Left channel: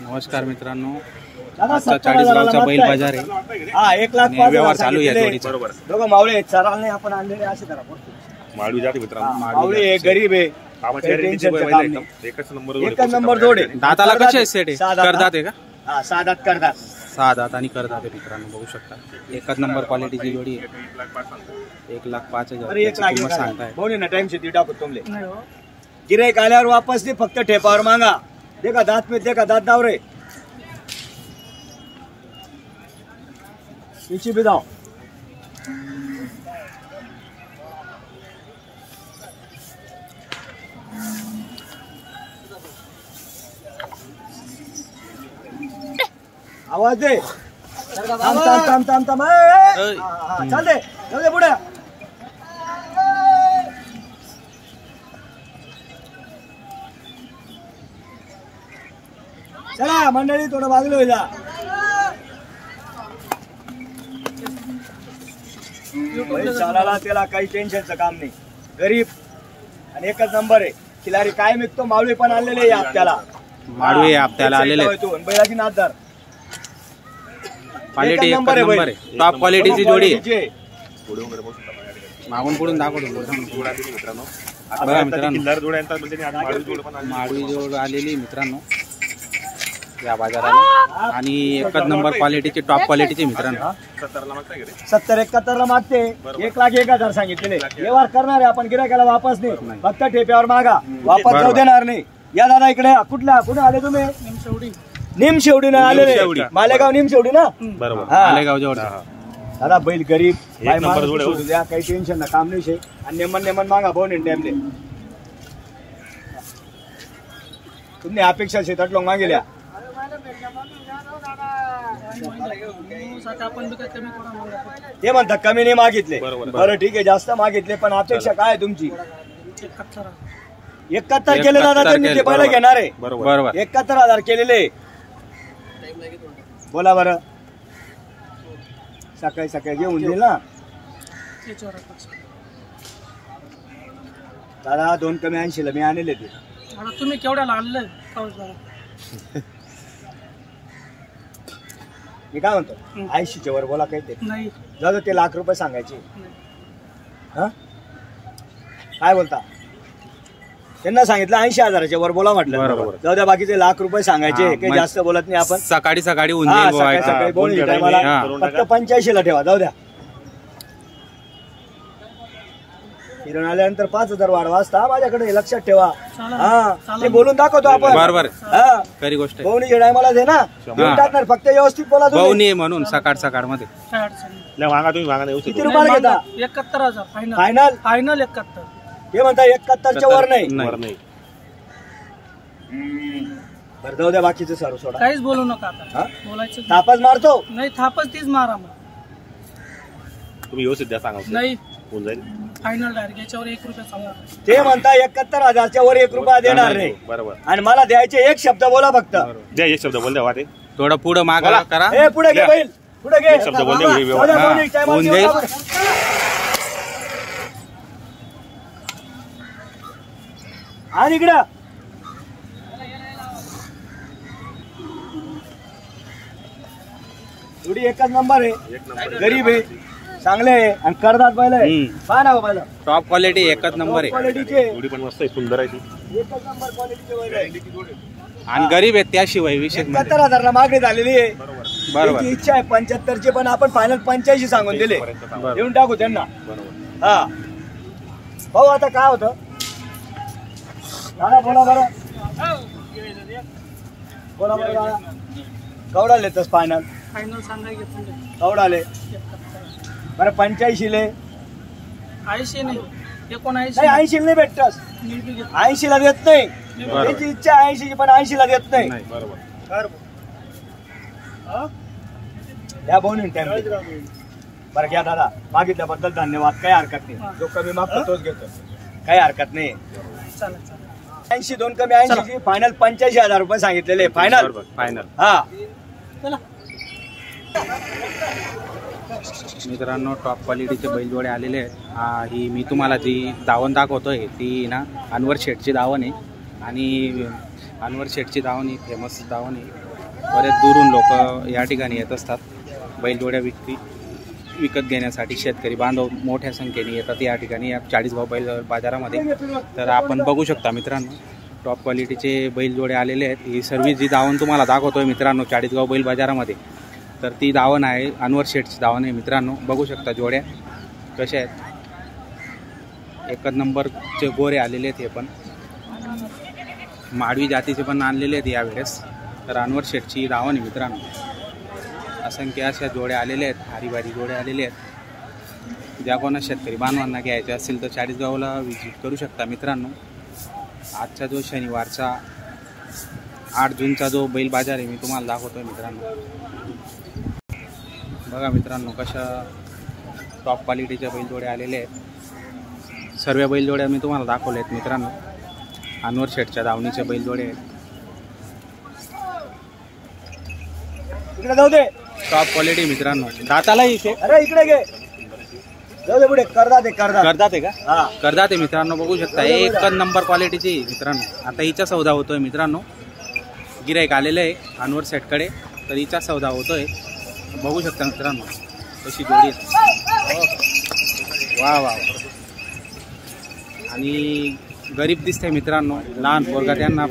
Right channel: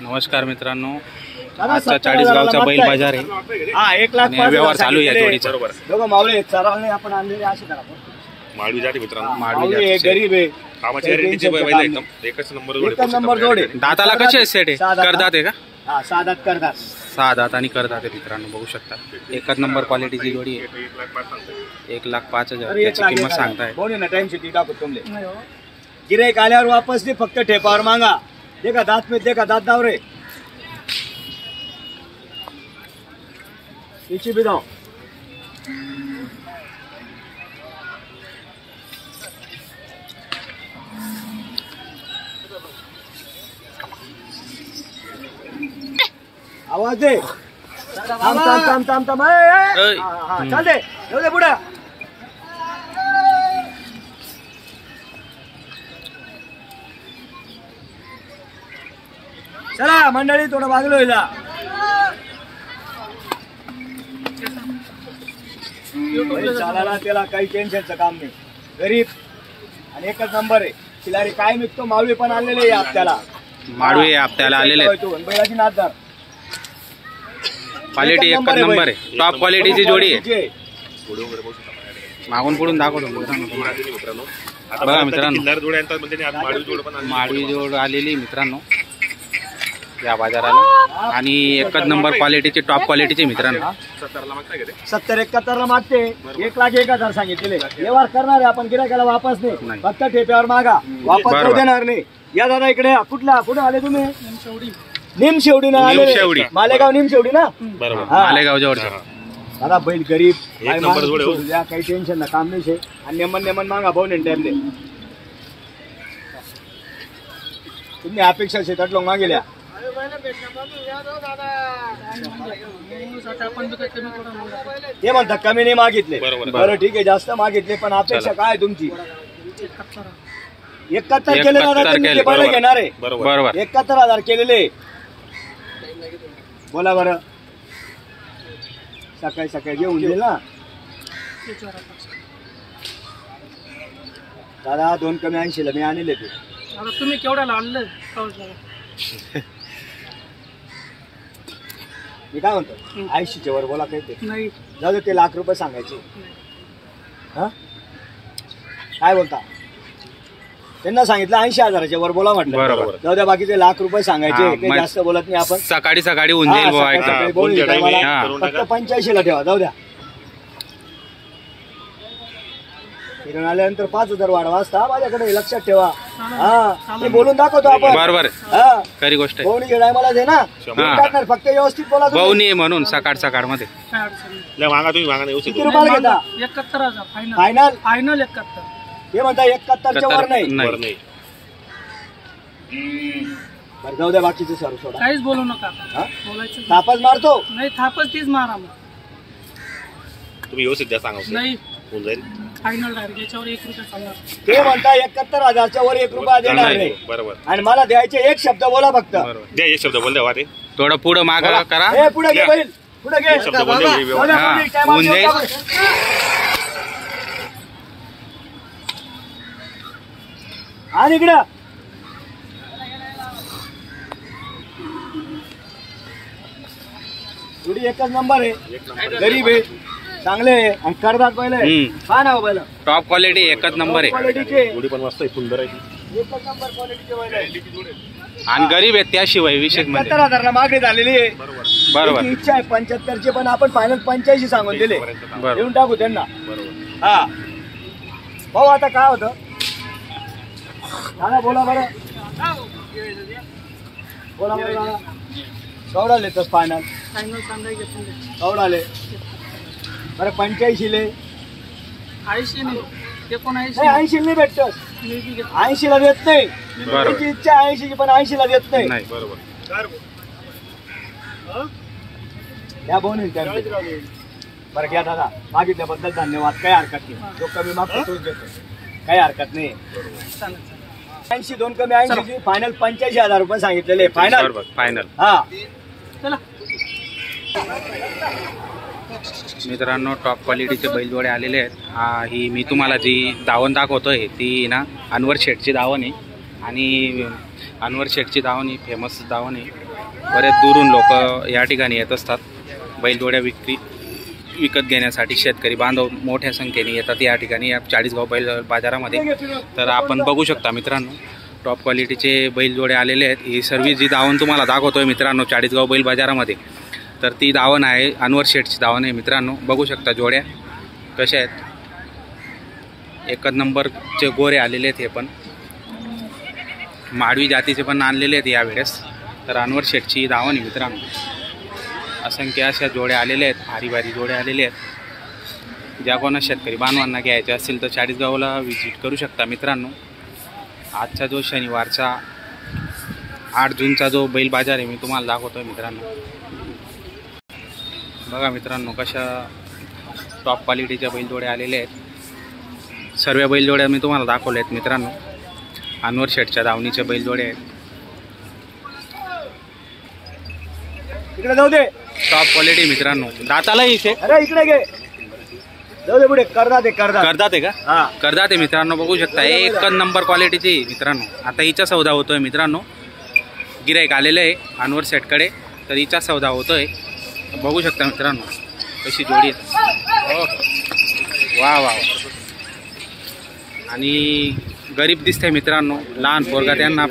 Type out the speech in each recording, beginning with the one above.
नमस्कार मित्रांनो, आजचा 40 गावचा बैल बाजार आहे। हा 1,05,000 व्यवहार चालू आहे या जोडीचा। दोघं मावळे चरावणे आपण आणलेले असे करा माळवी जाती मित्रांनो, मावळे आहे, गरीब आहे, कामाची गॅरंटीची बैल आहे, एकच नंबर जोड आहे। दाताला कसे आहे सेट आहे? करदात आहे का? हा 6 दात करदात, 6 दात आणि करदात आहे मित्रांनो, बघू शकता एकच नंबर क्वालिटीची जोडी आहे। 1,05,000 त्याची किंमत सांगताय। बोल ना टाइम से टाकू तुमले गिराईक आल्यावर वापस नाही, फक्त ठेपावर मागा। देखा दात में देखा दात दाव रे पीछे भी दाव। आवाज दे थांब थांब थांब चल दे जाऊ दे पुढे। चला मंडळी थोडं बाजूला होईल। चालायला त्याला काही टेन्शनचं काम नाही, गरीब आणि एकच नंबर आहे। खिलारी काय मिळतो, मावळी पण आलेले आहे आपल्याला, माळवी आपल्याला आलेले बैलाची नाददार क्वालिटी एकच नंबर आहे, टॉप क्वालिटीची जोडी आहे। मागून पुढून दाखवतो मित्रांनो, बघा मित्रांनो माळवी जोड आलेली मित्रांनो या बाजाराला, आणि एकच नंबर क्वालिटीची टॉप क्वालिटीची मित्रांनो। 70-71 ला मागते, 1,01,000 सांगितले। व्यवहार करणार आहे आपण, गिरायकाला वापस नाही, फक्त ठेप्यावर मागा, वापस जाऊ देणार नाही। या दादा इकडे, कुठे आले तुम्ही? निमशेवडी ना आले, मालेगाव निमशेवडी ना, मालेगाव जवळ दादा। बैल गरीब सोडू द्या, काही टेन्शन ना, काम नाही शे, आणि नेमन मागा भाऊ नाही टाइम दे। तुम्ही अपेक्षा शेतात लोक मागेल्या ते म्हणतात कमी नाही मागितले, बरं ठीक आहे, जास्त मागितले, पण अपेक्षा काय तुमची? 71 केले दादा, तुम्ही पहिला घेणार आहे बरोबर, 71,000 केलेले। बोला बरं, सकाळी घेऊन येईल ना दादा। 2 कमी 80 ला मी आणले ते, तुम्ही केवढ्याला आणलं? मी काय म्हणतो 80च्या वर बोला, काही ते नाही, जाऊ ते ₹1,00,000 सांगायचे। हा काय बोलता? त्यांना सांगितलं 80,000च्या वर बोला म्हटलं, जाऊ द्या, बाकीचे ₹1,00,000 सांगायचे, काही जास्त बोलत नाही आपण। सकाळी होऊन जाईल, फक्त 85 ला ठेवा, जाऊ द्या। फिरून आल्यानंतर 5,000 वाढवा असता माझ्याकडे, लक्षात ठेवा। हा ते बोलून दाखवतो आपण, बरोबर हा खरी गोष्ट आहे। भाऊनी टायमाला दे ना, टाकणार, फक्त व्यवस्थित बोला। भाऊनी म्हणून सकाळ मध्ये किती रुपयाला घेता? 71,000 फायनल 71। हे म्हणता 71च्या वर नाही, बरं जाऊ द्या, बाकीचं सर्व सोडा, काहीच बोलू नका, बोलायचं तापच मारतो नाही, थापच तीच मारा मग, तुम्ही व्यवस्थित द्या, सांगा नाही होऊन जाईल फायनल डायरेक्ट याच्यावर ₹1 सांगा। ते म्हणता 71,000च्या वर ₹1 देणार नाही, बरोबर, आणि मला द्यायचे एक शब्द बोला फक्त, द्या एक शब्द बोल द्या, थोडं पुढं मागा करा, हे पुढे घे बैल, पुढे घे, शब्द बोल द्या, होऊन जाईल। आणि इकडं थोडी एकच नंबर आहे, गरीब आहे, चांगले आहे, आणि करदात बैल आहे। काय नाव बैल? टॉप क्वालिटी एकच नंबर आहे, क्वालिटीचे, जोडी पण मस्त आहे, सुंदर आहे, एकच नंबर क्वालिटीचे बैल आहे, आणि गरीब आहे त्याशिवाय विशेष म्हणजे 71,000 ला मागणी झालेली आहे। बरोबर, इच्छा आहे 75चे, पण आपण फायनल 85 सांगून दिले, देऊन टाकू त्यांना। हा भाऊ, आता काय होतं दादा, बोला बरं, बोला बरं दादा, कवडाले तस फायनल सांगायचं कवडाले बरं 85 ले 80 नाही, 79 नाही, 80 नाही भेटतस, 80 ला देत नाही, त्याची इच्छा 80ची, पण 80 ला देत नाही, बरोबर। या बोन बरं घ्या दादा, मागितल्याबद्दल धन्यवाद, काही हरकत नाही, जो कमी मागतो तोच घेतो, काही हरकत नाही। 80 2 कमी 80ची फायनल ₹85,000 सांगितलेले, फायनल। हा मित्रांनो, टॉप क्वालिटीचे बैलजोडे आलेले आहेत। ही मी तुम्हाला जी दावण दाखवतोय ती ना अनवर शेठची दावण आहे, आणि अनवर शेठची दावण ही फेमस दावण आहे। बरेच दुरून लोक या ठिकाणी येत असतात बैलजोड्या विकत घेण्यासाठी. शेतकरी बांधव मोठ्या संख्येने येतात या ठिकाणी या चाळीसगाव बैल बाजारामध्ये. तर आपण बघू शकता मित्रांनो टॉप क्वालिटीचे बैलजोडे आलेले आहेत. ही सर्व जी दावण तुम्हाला दाखवतोय मित्रांनो चाळीसगाव बैल बाजारामध्ये, तर ती दावण आहे अनवर शेठची दावण आहे मित्रांनो. बघू शकता जोड्या कशा आहेत, एकच नंबरचे गोरे आलेले आहेत. हे पण माडवी जातीचे पण आणलेले आहेत यावेळेस. तर अनवर शेठची दावण आहे मित्रांनो. असंख्य अशा जोड्या आलेल्या आहेत, भारी भारी जोड्या आलेले आहेत. ज्या कोणा शेतकरी बांधवांना घ्यायचे असतील तर चाळीसगावला व्हिजिट करू शकता मित्रांनो. आजचा जो शनिवारचा 8 जूनचा जो बैल बाजार आहे मी तुम्हाला दाखवतोय मित्रांनो. बघा मित्रांनो कशा टॉप क्वालिटीच्या बैलजोड्या आलेल्या आहेत. सर्व बैलजोड्या मी तुम्हाला दाखवल्या आहेत मित्रांनो. अनवर शेठच्या दावणीच्या बैलजोड्या आहेत. इकडे जाऊ दे, टॉप क्वालिटी मित्रांनो. दाताला इथे अरे इकडे घे, जाऊ दे पुढे. करदात आहे का? हा करदात आहे मित्रांनो. बघू शकता एकच नंबर क्वालिटीची मित्रांनो. आता हिचा सौदा होतोय मित्रांनो. गिराईक आलेलं आहे अनवर शेठकडे, तर हिचा सौदा होतोय. बघू शकता मित्रांनो कशी जोडी आहे. हो वा वा. आणि गरीब दिसते मित्रांनो, लहान पोरगा त्यांना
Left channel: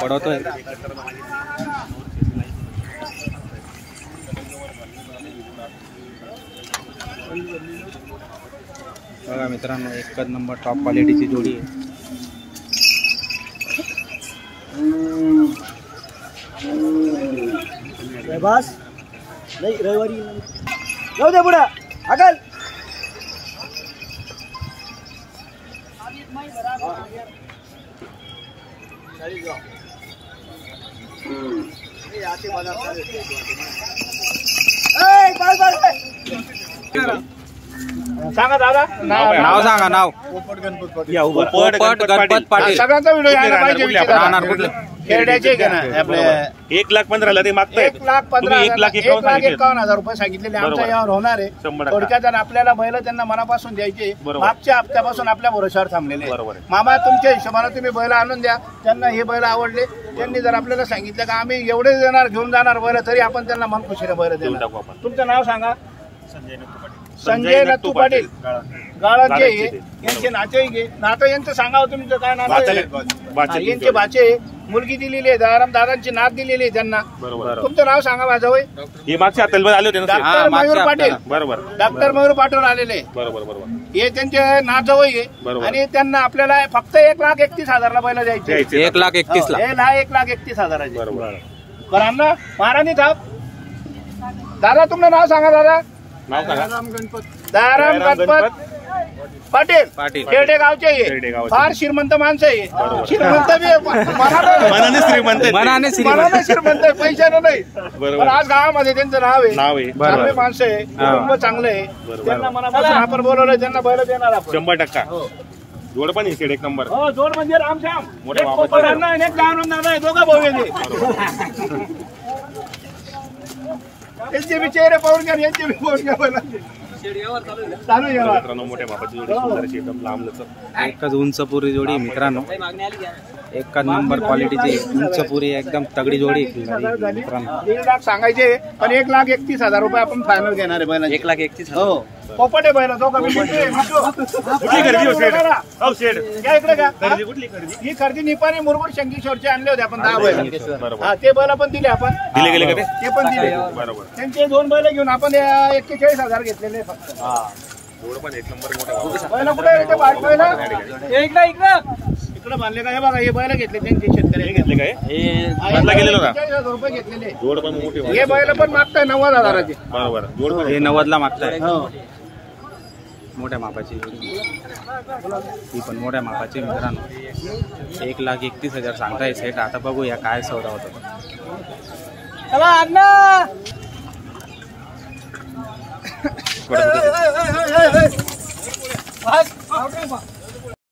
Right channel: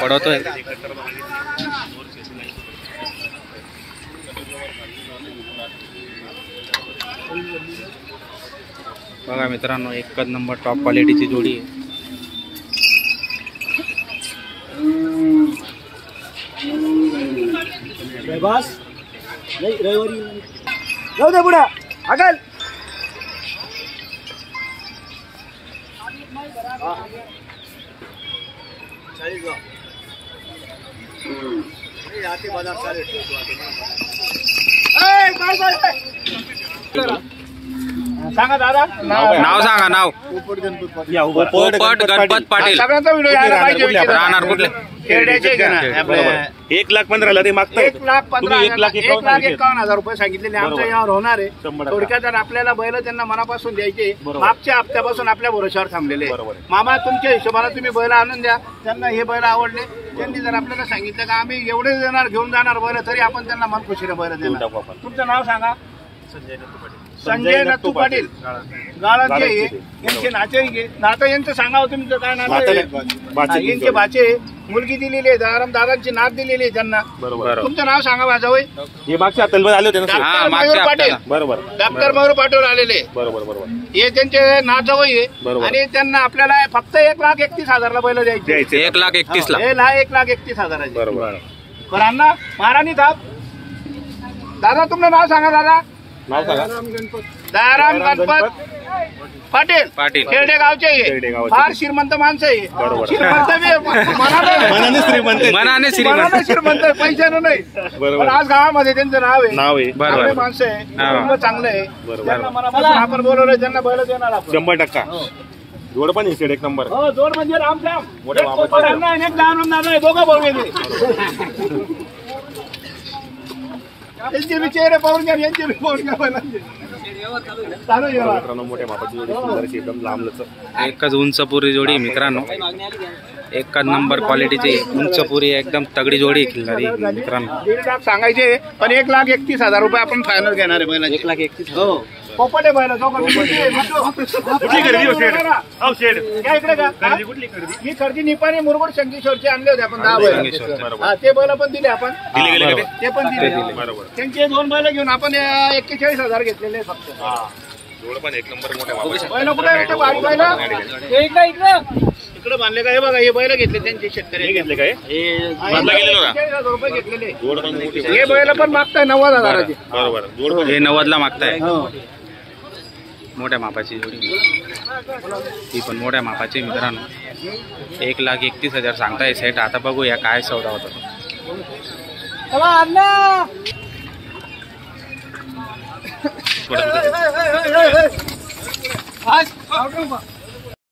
पडवतोय. बघा मित्रांनो एकच नंबर टॉप क्वालिटीची जोडी आहे. बस नाही रविवारी जाऊ दे पुढे अगल. सांगा दादा नाव सांगा. नाव पोपट पोपट गणपत पाटील. सगळ्यांचा व्हिडिओ यायला पाहिजे. राहणार कुठले? खेरड्याचे 1,15,000 ते मागताय. 1,51,000 रुपये सांगितलेले आमच्या यावर होणार आहे. 100%. थोडक्यात आपल्याला बैल त्यांना मनापासून द्यायचे. बरोबर. मागच्या हप्त्यापासून आपल्या भरोशावर थांबलेले. बरोबर आहे. मामा तुमच्या हिशोबाने तुम्ही बैल आणून द्या. त्यांना हे बैल आवडले, त्यांनी जर आपल्याला सांगितलं का आम्ही एवढे देणार घेऊन जाणार बैल, तरी आपण त्यांना मन खुशीने बैल देऊन देणार. टाकू आपण. तुमचं नाव सांगा. संजय नत्तू पाटील गाळांचे यांचे नातं यांचं सांगा. तुमचं काय नातं आहे? यांचे भाचे मुलगी दिलेली आहे, दादांची नात दिलेली आहे त्यांना. बरोबर. तुमचं नाव सांगा माझं वय. हे मागच्या हप्त्याला आले होते ना. डॉक्टर मयूर पाटील. बरोबर डॉक्टर मयूर पाटील आलेले. बरोबर. हे त्यांचे नाव जवळ आहे. बरोबर. आणि त्यांना आपल्याला फक्त 1,31,000 बैल द्यायचे. 1,31,000. हे 1,31,000. बरोबर. बरं अण्णा महाराणी थाप. दादा तुमचं नाव सांगा. दादा नाव सांगा. दयाराम गणपत पाटील खेरडे गावचे खेरडे गावचे. फार श्रीमंत माणसं आहे. बरोबर. श्रीमंत मनाने श्रीमंत. मनाने श्रीमंत. श्रीमंत पैशानं नाही. बरोबर. पण आज गावामध्ये त्यांचं नाव आहे. बरोबर. चांगले माणसं आहे, कुटुंब चांगलं आहे. बरोबर. त्यांना मनापासून आपण बोलवलं, त्यांना बैल देणार आपण. 100%. जोड पण इकडे एक नंबर. हो जोड म्हणजे रामश्याम. मोठे एक बाबा. पोपट अण्णा आणि एक दानव नाना आहे, दोघं भाऊ आहे. यांचे बी चेहरे पाहून घ्या, यांचे बी पाहून घ्या. चालू आहे. मित्रांनो मोठ्या मापाची जोडी सुंदरची एकदम लांबलचक. एकच उंचपुरी जोडी मित्रांनो. एकच नंबर क्वालिटीची उंचपुरी एकदम तगडी जोडी खिल्लारी मित्रांनो. 1,00,000 सांगायचे पण 1,31,000 रुपये आपण फायनल घेणार आहे बैलाचे. 1,31,000. हो पोपट आहे बैल. ही खरेदी निपाणी मुरगुड शंकेश्वरचे आणले होते आपण 10 बैल. हा ते बैल पण दिले आपण. दिले गेले का ते? ते पण दिले. बरोबर. त्यांचे 2 बैल घेऊन आपण 41,000 घेतलेले फक्त. जोड पण एक नंबर मोठ्या मापाची. बैल कुठे आहे ते बारीक बैल? इकडे बांधले का? हे बघा हे बैल घेतले त्यांचे शेतकरी. घेतले काय? हा, बांधला गेलेलो का? 41,000 रुपये घेतलेले. जोड पण मोठी. हे बैल पण मागताय 90,000. बरोबर. जोड पण हे 90ला मागताय. हो. मोठ्या मापाची जोडी. ही पण मोठ्या मापाची मित्रांनो. 1,31,000 सांगताय सेट. आता बघूया काय सौदा होता. चला अण्णा. थोडं- बस.